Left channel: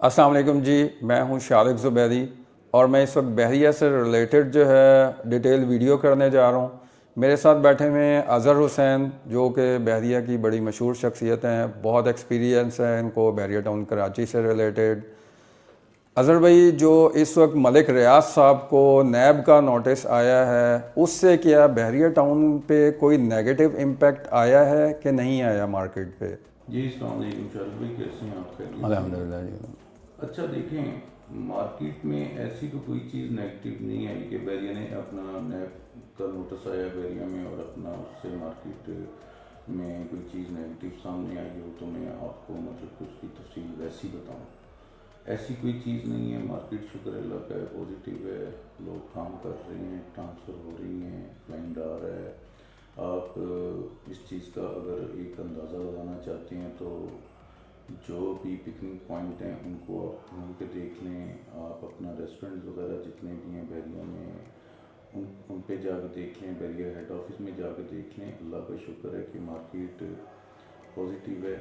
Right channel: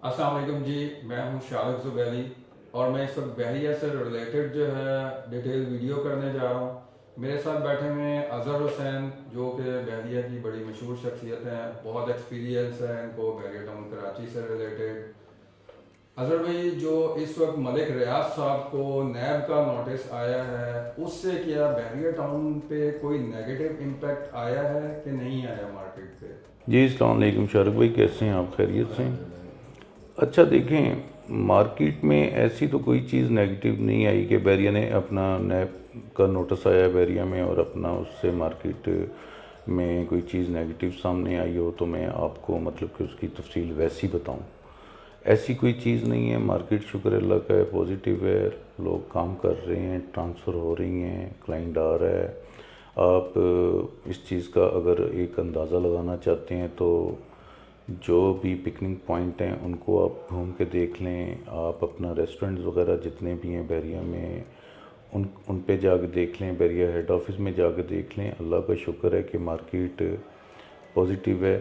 अस्सलाम वालेकुम जी। मैं हूं शारिक ज़ुबैरी और मैं इस वक्त बहरिया से रिलेटेड जो है डिटेल वीडियो करने जा रहा हूं। मेरे साथ बैठे हुए हैं अज़हर हुसैन, जो कि बहरिया की बड़ी मशहूर शख्सियत हैं, बहुत एक्सपीरियंस है इनको बहरिया टाउन कराची से रिलेटेड। अज़हर भाई, जो इस वक्त मलिक रियाज साहब को नैब का नोटिस आया है, उससे क्या बहरिया टाउन पे कोई नेगेटिव इम्पेक्ट आया है कि नहीं आया मार्केट पे? जी अस्सलाम वालेकुम शारिक भाई, कैसे हैं आप? खैरियत से हैं? अल्हम्दुलिल्लाह। अच्छा देखें, मार्केट में ऐसी तो कोई चीज़ नेगेटिव नहीं आई कि बैरिया ने अपना नैब का नोटिस आया बैरिया में और अपना उससे मार्केट में कोई चीज़ नेगेटिव सामने आई हो तो मैं आपको मतलब कि उसकी तफसील वैसी बताऊं। ऐसी कोई चीज़ नहीं है। मार्केट शुक्र अल्लाह का है, पॉजिटिव है, लोग काम कर रहे हैं, ट्रांसफ़र हो रही हैं, क्लाइंट आ रहा है। आप इस चीज़ का अगर एक अंदाज़ा लगाना चाहते हैं तो जो भी पिकनिक पॉइंट हैं उनको आप घूम के देख लें। आप अपना रेस्टोरेंट्स वगैरह जितने भी हैं बैरिया में उन पे जाके देख लें, बैरिया हेड ऑफिस में जाके देख लें। अल्लाह का शुक्र है कि मार्केट पॉजिटिव है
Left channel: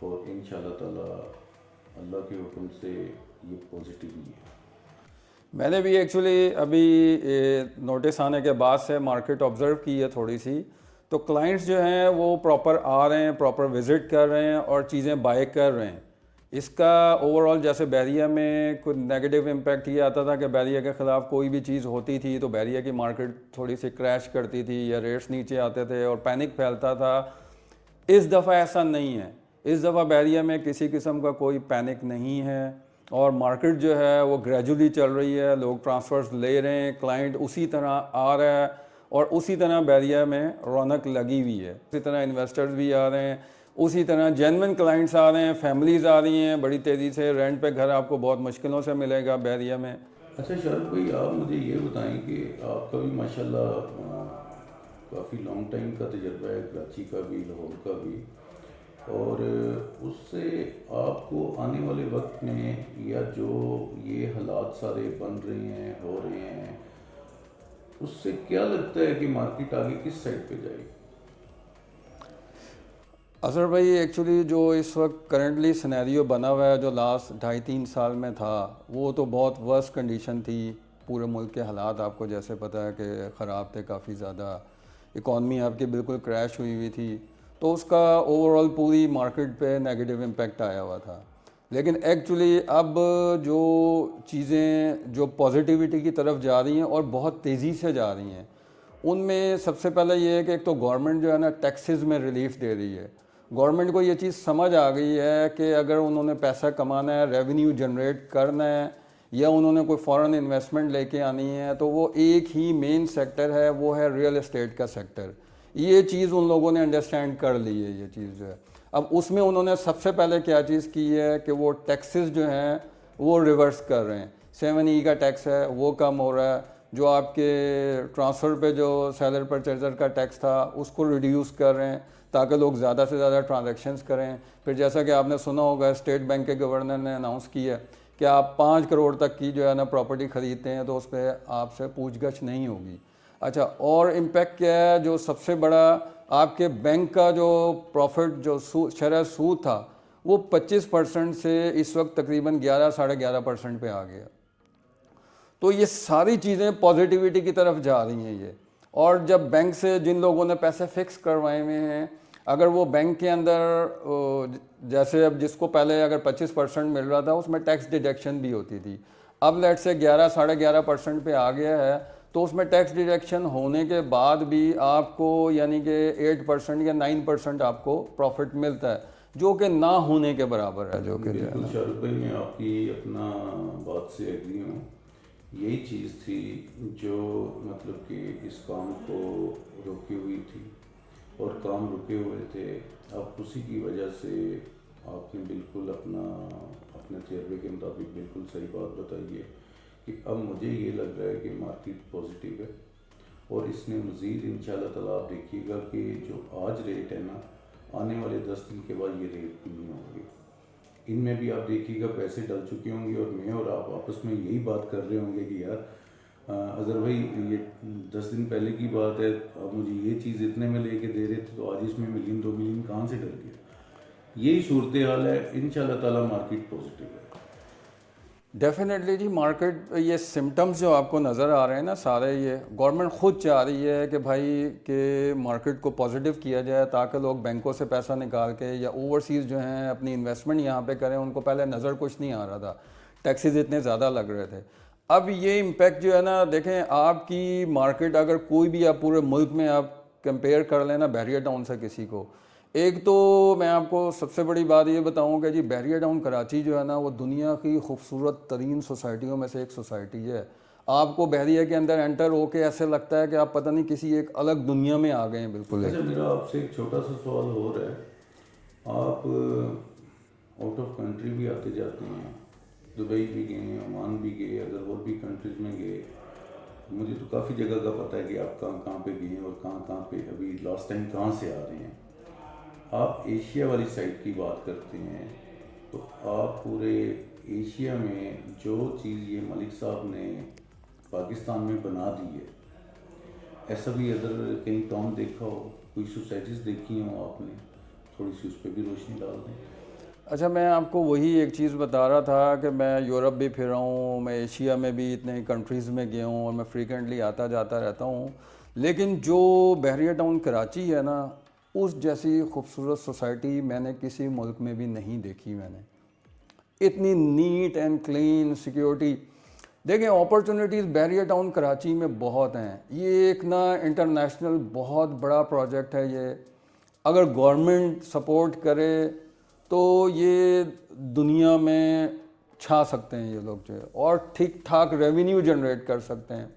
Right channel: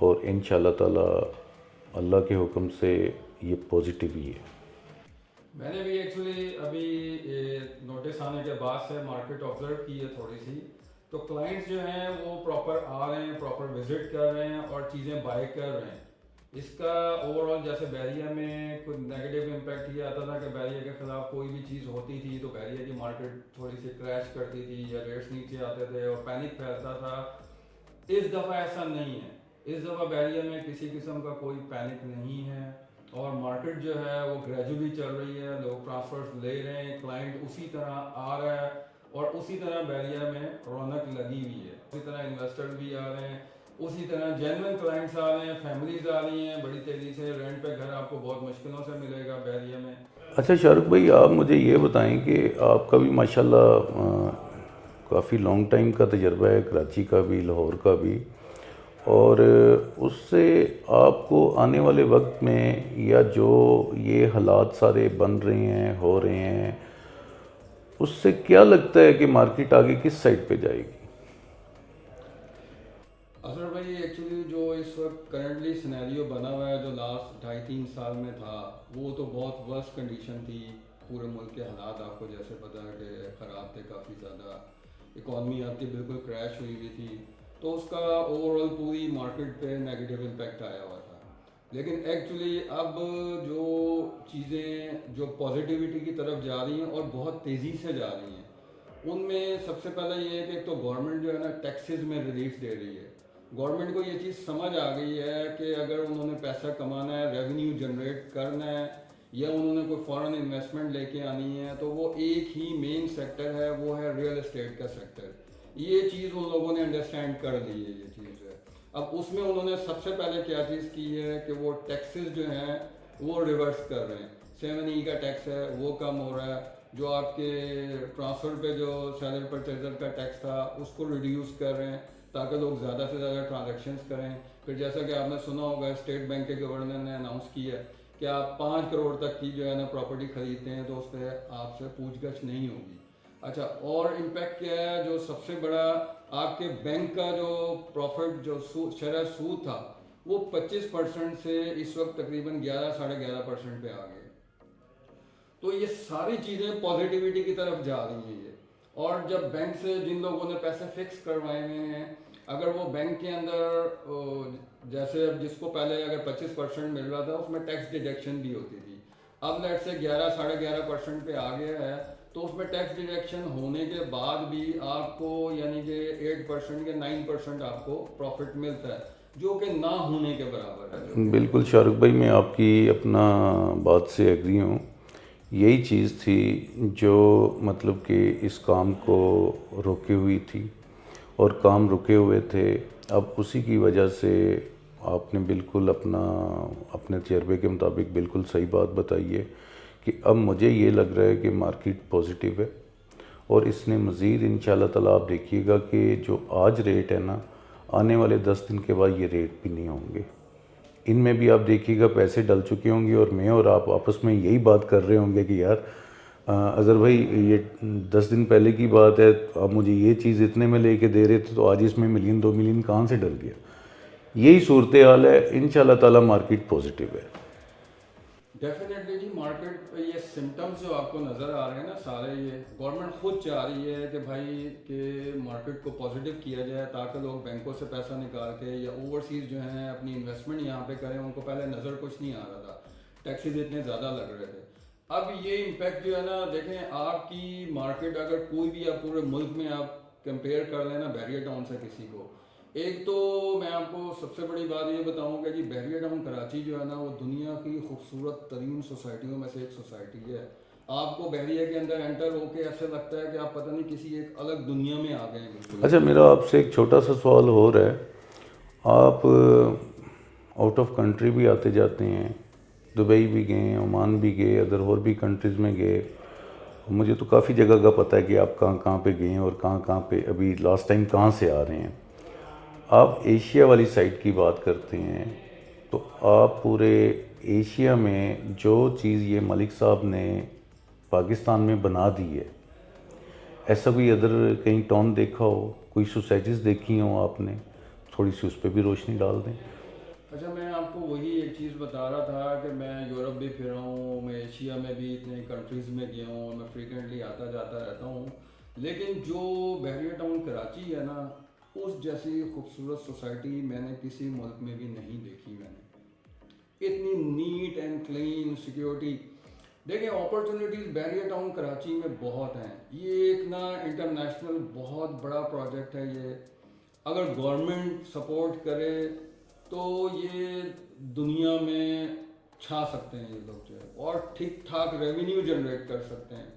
और इंशाल्लाह ताला अल्लाह के हुक्म से ये पॉजिटिव ही है। मैंने भी एक्चुअली अभी नोटिस आने के बाद से मार्केट ऑब्ज़र्व की है थोड़ी सी। तो क्लाइंट्स जो हैं वो प्रॉपर आ रहे हैं, प्रॉपर विज़िट कर रहे हैं और चीज़ें बाय कर रहे हैं। इसका ओवरऑल जैसे बैरिया में कुछ नेगेटिव इम्पैक्ट ये आता था कि बैरिया के ख़िलाफ़ कोई भी चीज़ होती थी तो बैरिया की मार्केट थोड़ी सी क्रैश करती थी या रेट्स नीचे आते थे और पैनिक फैलता था। इस दफ़ा ऐसा नहीं है। इस दफ़ा बैरिया में किसी किस्म का कोई पैनिक नहीं है और मार्केट जो है वो ग्रेजुअली चल रही है। लोग ट्रांसफ़र्स ले रहे हैं, क्लाइंट उसी तरह आ रहा है और उसी तरह बैरिया में रौनक लगी हुई है। उसी तरह इन्वेस्टर्स भी आ रहे हैं, उसी तरह जेन्युइन क्लाइंट्स आ रहे हैं, फैमिलीज़ आ रही हैं बड़ी तेज़ी से। रेंट पे घर आपको बहुत मुश्किलों से मिलेगा बैरिया में। अच्छा शारुख भाई, आप मुझे ये बताएं कि आपका भी माशाल्लाह काफ़ी लॉन्ग टाइम का तजर्बा है, कराची का भी, लाहौर का भी, और उससे आपको आने वाले वक्त में या जो ये हालात सारे बन रहे हैं, हो रहे हैं, उससे क्या लगता है कि मार्केट आगे किस साइड पे जाएगी? असर भाई, एक्चुअली जो इस वक्त करंटली सिनेरियो बना हुआ है, जो लास्ट 2.5-3 साल में था, वो तो बहुत वर्स्ट कंडीशन थी। पूरे मुल्क के हालात आपको जैसे पता है कि ख़राब थे, काफ़ी ज़्यादा। इकॉनमी आपकी बिल्कुल क्रैश हुई हुई थी, तो उसका ओवरऑल पूरी मार्केट पे नेगेटिव इम्पैक्ट आया हुआ था। लेकिन एक्चुअली अब जो चीज़ें जो पॉजिटिविटी की तरफ जा रही हैं और बहुत तेज़ी से जा रही हैं, उनमें सबसे पहले ये है कि एक तो गवर्नमेंट जो है ना टैक्सेस में रिलीफ दे रही है। गवर्नमेंट को ये चीज़ समझ आ गई है कि अगर उन्होंने पैसा कमाना है, रेवेन्यू जनरेट करना है या उन्होंने कोई फॉरेन इन्वेस्टमेंट लेके आनी है, तो वो एक ही मेन सेक्टर है, वो है रियल एस्टेट का सेक्टर। ये चीज़ उन लोगों ने अंडरस्टैंड कर ली है, ये चीज़ जो है। अब उसमें उन्होंने सबसे पहले क्या चीज़ की है कि वो टैक्सेस जो हैं वो रिवर्स कर रहे हैं। 7E का टैक्स है वो कम हो रहा है। जो आपके ट्रांसफ़र पे जो सेलर परचेजर का टैक्स था उसको रिड्यूस कर रहे हैं ताकि लोग ज़्यादा से ज़्यादा ट्रांजैक्शंस करें। फिर जैसा कि आपने सुना होगा, स्टेट बैंक के गवर्नर ने अनाउंस किया है कि आप 5 करोड़ तक की जो है ना प्रॉपर्टी ख़रीदते हैं तो उस पर आपसे पूछगछ नहीं होगी। अच्छा, और इम्पैक्ट क्या है जो सबसे बड़ा, आपके बैंक का जो प्रॉफिट जो शरह सूद था वो 25% से इस वक्त तकरीबन 11-11.5% पे आ गया। तो ये सारी चीज़ें पॉजिटिविटी की तरफ जा रही हैं ये। और जब बैंक से जिन लोगों ने पैसे फिक्स करवाए हुए हैं, अगर वो बैंक के अंदर जैसे अब जिसको पहले अगर 25% मिल रहा था उसमें टैक्स डिडक्शन भी होती थी, अब लेट से 11-11.5% पे आ गया है, तो उसमें टैक्स डिडक्शन होने के बाद भी आपको यानी कि 8% या 9% आपको प्रॉफिट मिलता है, जो कि ना होने के बराबर है, जो कि बिल्कुल शारुख भाई, मैं आपकी अपना बात से एग्री हूँ। यही चीज़ थी जो मतलब कि इस काम को रोके हुई थी और काम रुके हुए थे। अब उसी की वजह से आपने बिल्कुल अपने तजर्बे के मुताबिक बिल्कुल सही बात बताई है कि अब मुझे ये लग रहा है कि मार्केट पॉजिटिव है और इसने मज़ीद इंशाल्लाह ताला आप देखिएगा कि जो आज रेट है ना, आने वाले 10 दिन के बाद ये रेट भी नहीं होंगे। इनमें भी आप देखिएगा पैसे डल चुके होंगे और मैं और आप आपस में यही बात कर रहे होंगे कि यार अज़हर भाई, ये 10 दिन पहले की बात है, आप मुझे ये चीज़ इतने में लेके दे रहे थे तो आज इसमें मिलियन 2 मिलियन कहाँ से डल गया। यही सूरत हाल है। इंशाल्लाह ताला मार्केट पॉजिटिव है। डेफिनेटली जी, मार्केट ये सिम्टम्स जो आपको नज़र आ रहे हैं ना सारे, ये गवर्नमेंट खुद चाह रही है कि भाई के मार्केट को पॉजिटिव किया जाए ताकि लोग बैंकों से पैसा निकाल के या ओवरसीज़ जो हैं अपनी इन्वेस्टमेंट यहाँ पे करें। उनको पहले नज़र कुछ नहीं आ रहा था, टैक्सेस इतने ज़्यादा लग रहे थे। अब ये इम्पेक्ट जो है ना, देखें आपकी मार्केट अगर कोई भी आप पूरे मुल्क में आप कंपेयर कर लेना बैरियर टाउन से किसी को, एक तो मैं आपको सबसे बड़ी बात ये बताऊंगा जी, बैरियर टाउन कराची जो है ना वो दुनिया की खूबसूरत तरीन सोसाइटियों में से एक सोसाइटी है। आपको बहरिया के अंदर एंटर होके ऐसे लगता है कि आप पता नहीं किसी एक अलग दुनिया में आ गए हैं बिल्कुल। अच्छा, मेरा आपसे एक छोटा सा सवाल हो रहा है। आप आउट ऑफ कंट्री भी आते जाते हैं, दुबई भी गए, ओमान भी गए, अदर और भी कंट्रीज़ में गए। मुझे तो काफ़ी जगह का पता है कि आप कहाँ कहाँ पे गए हैं और कहाँ कहाँ पे अभी लास्ट टाइम कहाँ से आ रहे हैं। आप एशिया वाली साइड की बात करते हैं, तो आप पूरे एशिया में जो चीज़ ये मलिक साहब ने पाकिस्तान में बना दी है, ऐसा कोई अदर कहीं टाउन देखा हो, कोई सोसाइटीज़ देखी हो आपने, थोड़ी सी उस पर भी रोशनी डाल दें। अच्छा, मैं आपको वही एक चीज़ बता रहा था कि मैं यूरोप भी फिरा हूँ, मैं एशिया में भी इतने कंट्रीज़ में गया हूँ और मैं फ्रीक्वेंटली आता जाता रहता हूँ। लेकिन जो बहरिया टाउन कराची है ना, उस जैसी खूबसूरत सोसाइटी मैंने किसी मुल्क में भी नहीं देखी। मैंने इतनी नीट एंड क्लीन सिक्योरिटी। देखें, अपॉर्चुनिटीज़ बहरिया टाउन कराची में बहुत हैं। ये एक ना इंटरनेशनल बहुत बड़ा प्रोजेक्ट है ये। अगर गवर्नमेंट सपोर्ट करे तो ये दुनिया में छा सकते हैं ये लोग जो है, और ठीक ठाक रेवेन्यू जनरेट कर सकते हैं।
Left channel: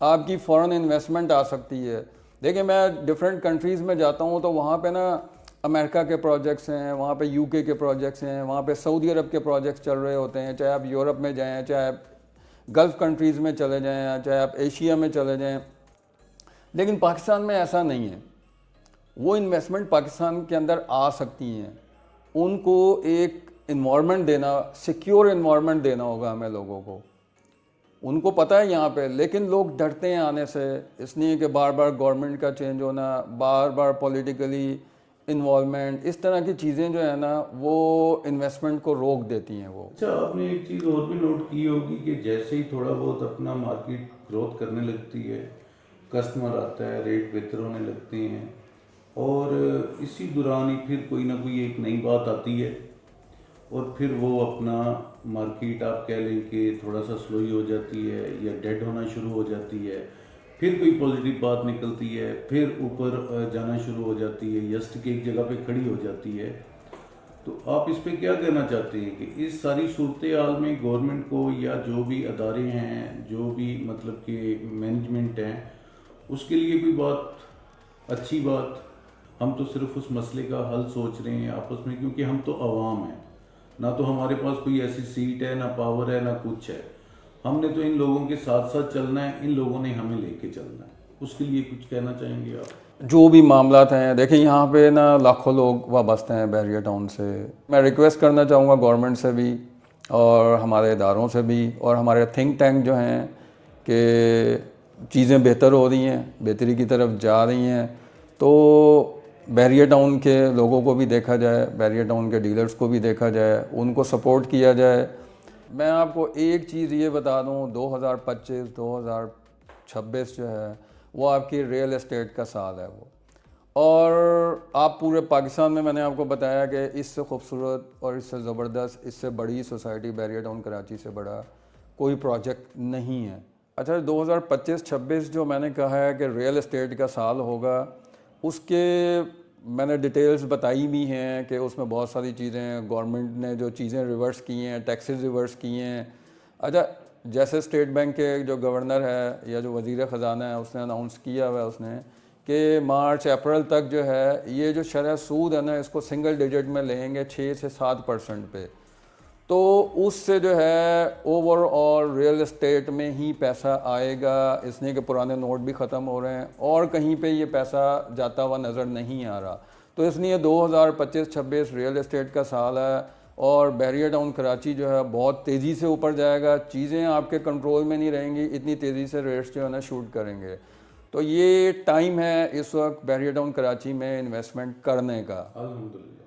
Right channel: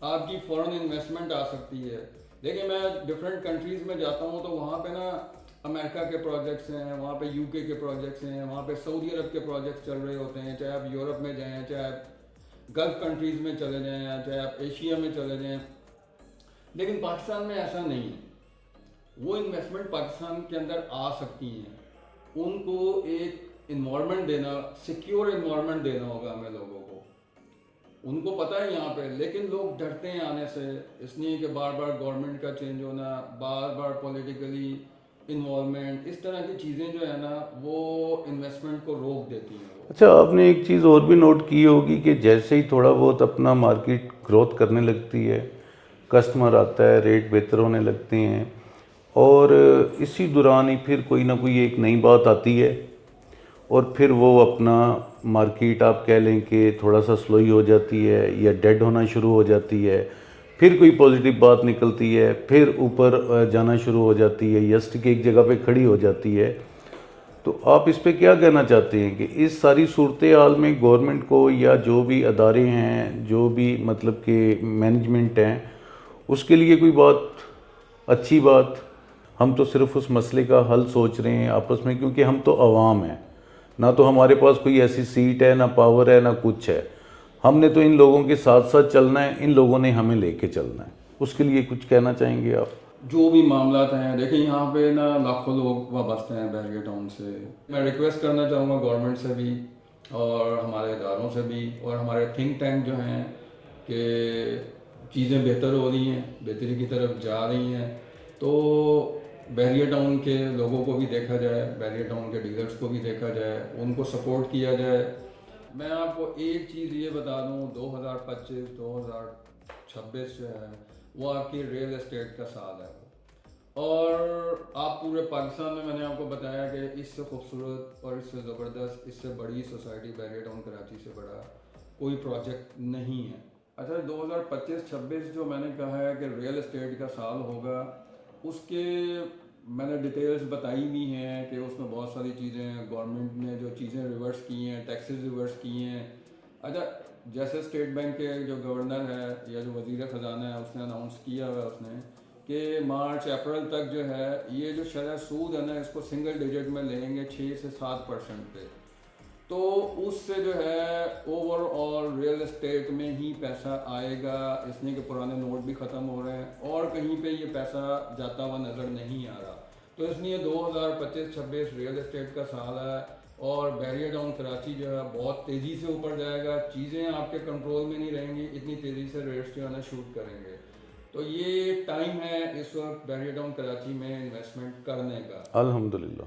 आपकी फॉरेन इन्वेस्टमेंट आ सकती है। देखिए, मैं डिफरेंट कंट्रीज़ में जाता हूँ तो वहाँ पे ना अमेरिका के प्रोजेक्ट्स हैं, वहाँ पे यूके के प्रोजेक्ट्स हैं, वहाँ पे सऊदी अरब के प्रोजेक्ट्स चल रहे होते हैं। चाहे आप यूरोप में जाएँ, चाहे आप गल्फ़ कंट्रीज़ में चले जाएँ, चाहे आप एशिया में चले जाएँ। लेकिन पाकिस्तान में ऐसा नहीं है। वो इन्वेस्टमेंट पाकिस्तान के अंदर आ सकती हैं। उनको एक इन्वायरमेंट देना, सिक्योर इन्वायरमेंट देना होगा हमें लोगों को। उनको पता है यहाँ पे, लेकिन लोग डरते हैं आने से, इसलिए कि बार बार गवर्नमेंट का चेंज होना, बार बार पॉलिटिकली इन्वॉल्वमेंट, इस तरह की चीज़ें जो है ना वो इन्वेस्टमेंट को रोक देती हैं वो। अच्छा, आपने एक चीज़ और भी नोट की होगी कि जैसे ही थोड़ा बहुत अपना मार्केट ग्रोथ करने लगती है, कस्टमर आता है, रेट बेहतर होने लगते हैं, और इसी दौरान ही फिर कोई ना कोई एक नई बात आती है और फिर वो अपना मार्केट आप कह लें कि थोड़ा सा स्लो ही हो जाती है या डेड होना शुरू हो जाती है। फिर कोई पॉजिटिव बात निकलती है, फिर ऊपर जाना शुरू हो जाती है या स्टिक एक जगह पे खड़ी हो जाती है। तो आप इस पे क्या कहना चाहते हैं कि इस सारी सूरत हाल में गवर्नमेंट को या जो भी अदारे हैं, जो भी मतलब कि मैनेजमेंट हैं, उसके लिए कोई बात, अच्छी बात? हम तो सिर्फ उस मसले का हल सोच रहे हैं आपस में, क्योंकि हम तो अवाम हैं, ना तो हमारे पास कोई ऐसी सीट है, ना पावर है, ना कुछ है। हमने तो इन लोगों के साथ साथ चलना है, इन लोगों ने हमें लेके चलना है। उसके लिए कुछ कहना चाहेंगे आप? जो भी मामलात हैं, देखिए यहाँ पे ना लाखों लोग वाबस्ते हैं बहरिया टाउन से। मैं रिक्वेस्ट करना चाहूँगा गवर्नमेंट से भी और हमारे इदारों से भी और हमारे थिंक टैंक जो हैं कि चीज़ें बेहतर हो रही हैं, बेहतरी की तरफ जा रही हैं, तो बहरिया टाउन के लोगों को भी देखा जाए, बहरिया टाउन के डीलर्स को भी देखा जाए, उनको सपोर्ट किया जाए। मैं आपको एक चीज़ ये बता दूँ, 2025-2026 जो है वो आपकी रियल एस्टेट का साल है वो। और आप पूरे पाकिस्तान में, मैंने आपको बताया कि इससे खूबसूरत और इससे ज़बरदस्त, इससे बड़ी सोसाइटी बहरिया टाउन कराची से बड़ा कोई प्रोजेक्ट नहीं है। अच्छा, 2025-26 जो मैंने कहा है कि रियल एस्टेट का साल होगा, उसके मैंने डिटेल्स बताई भी हैं कि उसमें बहुत सारी चीज़ें गवर्नमेंट ने जो चीज़ें रिवर्स की हैं, टैक्सेस रिवर्स किए हैं। अच्छा, जैसे स्टेट बैंक के जो गवर्नर है या जो वज़ीर ख़जाना है, उसने अनाउंस किया हुआ है उसने कि मार्च अप्रैल तक जो है ये जो शरह सूद है ना, इसको सिंगल डिजिट में लेंगे 6 से 7% पे। तो उससे जो है ओवरऑल रियल एस्टेट में ही पैसा आएगा, इसलिए कि पुराने नोट भी ख़त्म हो रहे हैं और कहीं पे ये पैसा जाता हुआ नज़र नहीं आ रहा। तो इसलिए 2025-26 रियल एस्टेट का साल है और बहरिया टाउन कराची जो है बहुत तेज़ी से ऊपर जाएगा। चीज़ें आपके कंट्रोल में नहीं रहेंगी, इतनी तेज़ी से रेट्स जो है ना शूट करेंगे। तो ये टाइम है इस वक्त बहरिया टाउन कराची में इन्वेस्टमेंट करने का। अल्हम्दुलिल्लाह।